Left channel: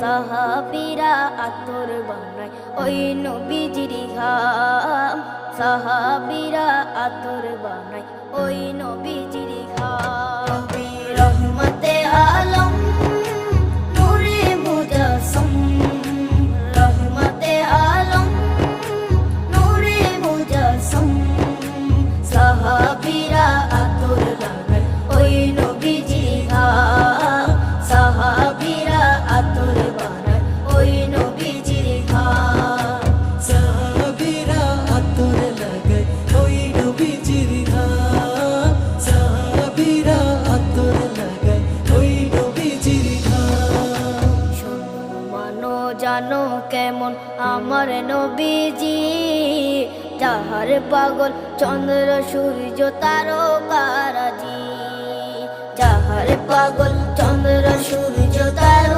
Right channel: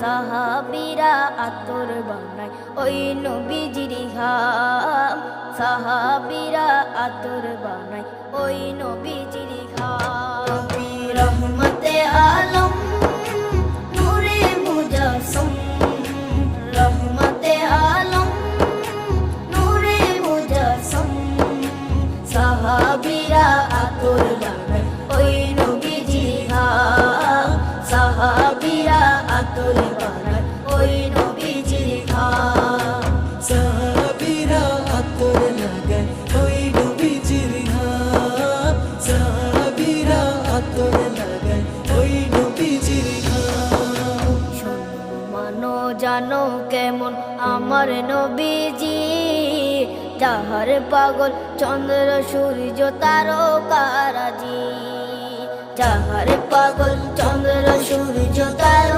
সাহাবীরা আতর বানায় ওই নবীজির ঘাম, সাহাবীরা আতর বানায় ওই নবীজির ঘাম। নবী রহমতে আলম নূরে মুজাসসম, রহমতে আলম নূরে মুজাসসম, সাহাবীরা আতর বানায় ওই নবীজির ঘাম, সাহাবীরা আতর বানায় ওই নবীজির ঘাম। সাহাবীরা আতর লাগায় ওই নবীজির ঘাম, সাহাবীরা আতর লাগায় ওই নবীজির ঘাম। শোনো মানো জানো কেমন আমার নবীজি, যাহার পাগল চন্দ্র সূর্য তারকারাজি, যাহার পাগল চন্দ্র সূর্য তারকা